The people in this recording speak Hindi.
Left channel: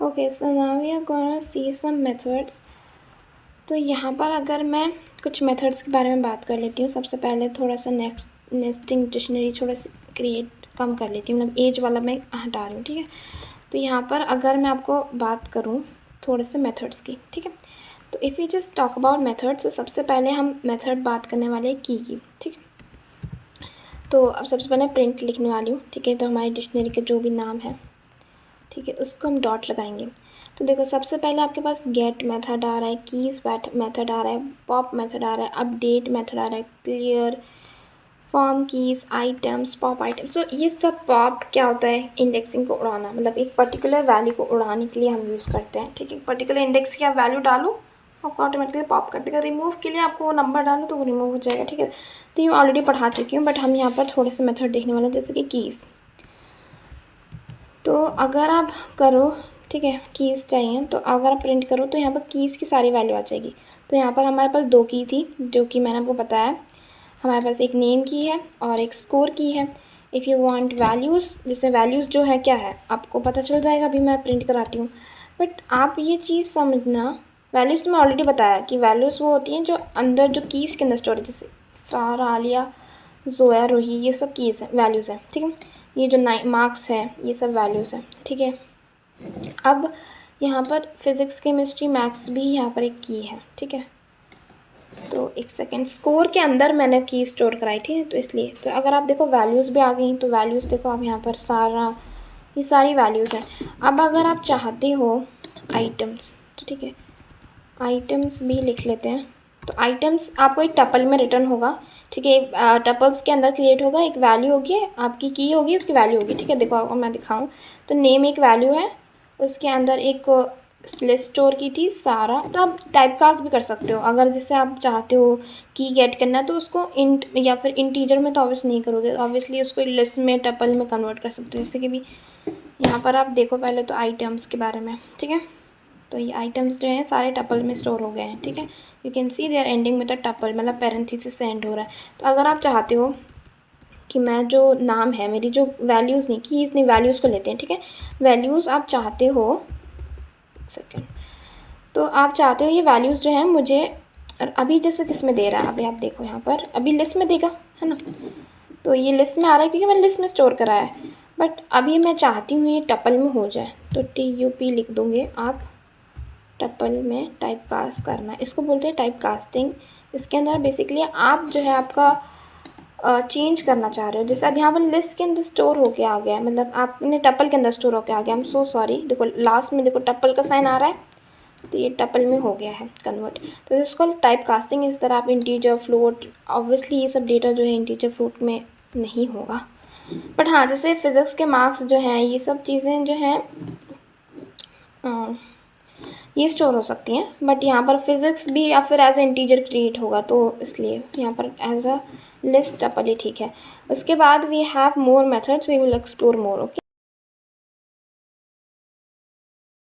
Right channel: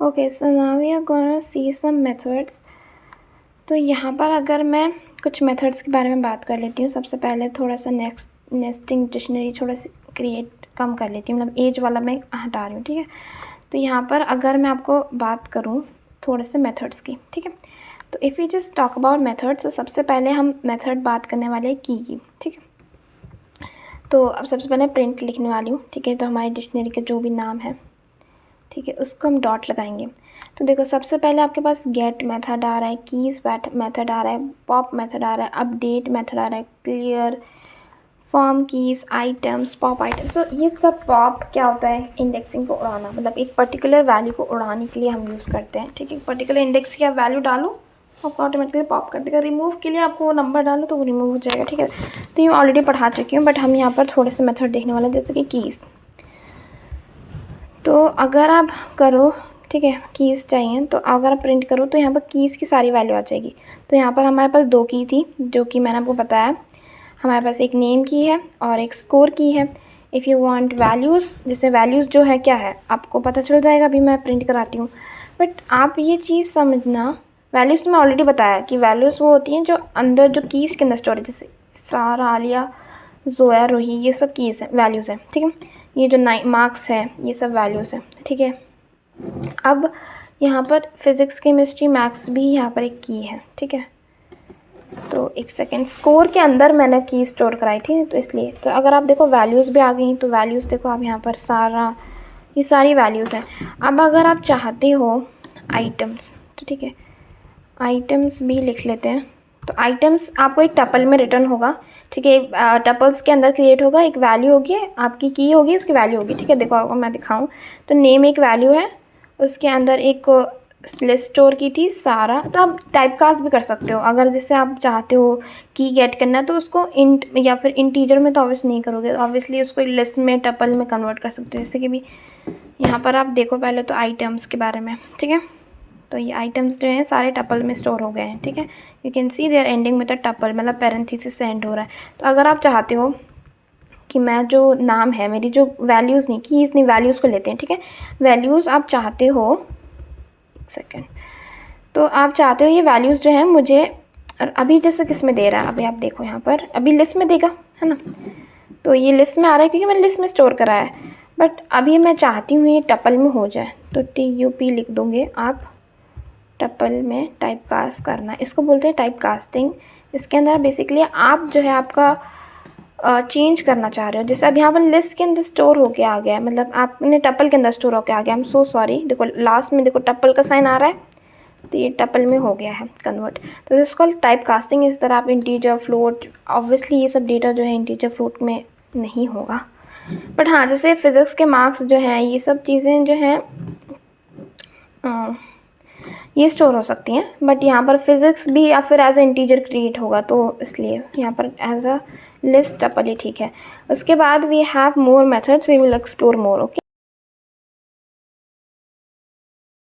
Okay, so now we are gonna see some methods. तो यहाँ पर अगर मैं कुछ मेथड्स के बारे में बात कर लेती हूँ। सबसे पहले थोड़ा सा नेस्टिंग डिक्शनरी थोड़ा सा क्रिएट कम कर लेती हूँ, मतलब एज वाला मैं हटा रही हूँ, ठीक है। तो यहाँ पर अगर मैं आपको बात करूँ थोड़े से मेथड्स की, ठीक है। तो if you just talk about methods, तो सबसे पहले हम मेथड बात करने वाले हैं की, ठीक है। तो अब सबसे पहले प्रिंट लिखने वाली हूँ, ठीक है। तो हमारी डिक्शनरी का जो भी नाम है, ठीक है, उसको हम डॉट लगाएंगे। तो देखो सबसे पहले आपके पास गेट मेथड आ रहा है, कीज मेथड आ रहा है, पॉप मेथड आ रहा है, अपडेट मेथड आ रहा है, clear, form keys, items, pop items. तो ये सब पॉप क्या होता है, इंडेक्सिंग को उड़ाना, मतलब एक पर्टिकुलर वैल्यू को उड़ाने के लिए हम यूज़ करते हैं, ठीक है। पर्टिकुलर इंडेक्स की आप वैल्यू डालो, आपको ऑटोमेटिकली पॉप कर देगा। रिमूव के लिए आपको वो नंबर डालो तो वो रिमूव हो जाएगा, ठीक है। तो ये मैं ऑलरेडी पढ़ा चुकी हूँ, बट हम यहाँ पर थोड़े से मेथड देखने वाले हैं, जैसे कि कीज़। तो अगर आप करो, ठीक है, कीज़ चाहिए, तो अगर आप प्रिंट करो तो यहाँ पर कीज़ की सारी वैल्यू आ जाएगी। तो यहाँ पर हमारे पास 2 की थी, जो कि मैंने आपको बताया। हमारे पास एक नेम की है और एक स्कोर की है। इफ़ यू वांट वैल्यूज़, जिससे वैल्यूज़ जो है क्या है आपको पता चल जाएगा। अभी मैं प्रिंट कराती हूँ, बट आप ये चीज़ समझना, वैल्यूज़ तो मैं ऑलरेडी बताया कि वैल्यूज़ वो होती हैं जो अंदर, जो कीज़ के अंदर स्टोर है, जैसे सारा, आलिया, जोया, रोही, ये सब कीज़ हैं, वैल्यूज़ हैं, ठीक है। ये जो मार्क्स है, ये सब वैल्यूज़ हैं, ठीक है। अब यहाँ पर फिज़िक्स, केमिस्ट्री, मैथ्स भी यहाँ पर एक की है, ठीक है। तो एक सेकेंड, स्कोर के अंदर मैंने की स्टोर कराई थी, तो इसलिए। तो अगर आप देखो वैल्यूज़ भी आ गई, तो वैल्यूज़ देखो आप यहाँ पर सारा, ये सारी वैल्यूज़ हैं। अब अगर आप चाहते हो आइटम्स, तो ठीक है, आइटम्स भी लिख लेते हैं। तो आइटम्स आपको एक टपल में रिटर्न होगा, ठीक है। टपल्स के अंदर क्रिएट होगा, एक वैल्यू होगी, आपकी की होगी, उसकी वैल्यू होगी, ठीक है। देखो अगर मैं दिखाऊं, तो नेम एक वैल्यू है, उसके अंदर एक लिस्ट स्टोर की थी सारा। तो आप टाइप कास्ट भी कर सकते हो, अगर जैसे आप चाहते हो की गेट करना है, तो उसको इंट या फिर इंटीजर में तो ऑब्वियसली नहीं करोगे, ऑब्वियसली उसको लिस्ट में, टपल में कन्वर्ट कर सकते हो। जैसे कि भी यहाँ पर आप देखो पहले तो आइटम्स के बारे में, ठीक है। तो ये आइटम्स जो हैं सारे टपल में स्टोर हो गए हैं, ठीक है। You can see they are ending with a tuple, मतलब पैरेंथेसिस से एंड हो रहा है। तो अगर आप चाहते हो कि मैं जो नाम है, मेरी जो वैल्यूज़ नहीं, कीज़ नहीं, वैल्यूज़ को लेते हैं, ठीक है। वैल्यूज़ आप चाहते हो, सेकेंड, तो आप चाहते हो ये वैल्यूज़ जो हैं मुझे, अभी जैसे किस में दे रहा है, अभी आप देखो यहाँ पर, अभी लिस्ट में देगा, है ना। तो ये लिस्ट में आ रहा है क्योंकि मैंने लिस्ट में स्टोर करा है, बट अभी मैं चाहती हूँ ये टपल में हो जाए, तो TUP लिख दोगे आप, टपल में टाइप कास्ट करना, इसको बोलते हैं टाइप कास्टिंग। इसके अंदर बेसिकली आप जो है आपका चेंज करना चाह रहे हो। जैसे अब यहाँ पर लिस्ट के अंदर स्टोर होके आ गया है, मतलब आपने टपल के अंदर स्टोर होके आ गया। आई एम सो सॉरी, देखो लास्ट में देखो टपल का साइन आ रहा है, तो ये टपल में हो गया है कन्वर्ट। तो दिस कॉल टाइप कास्टिंग। इस तरह आप इंटीजर, फ्लोट, ऑब्वियसली ये सब डेटा जो है इंटीजर, फ्लोट में नहीं होगा, बट हाँ जैसे फिज़िक्स के मार्क्स जो हैं, ये सब चीज़ें जो हैं ये स्टोर हो सकती हैं, बट यहाँ पर फिज़िक्स भी या फिर एज ए इंटीजर क्रिएट होगा, तो इसलिए यहाँ पर एज अ लिस्ट टपल ही ठीक है। उसके बाद we have more methods, we will explore more, okay.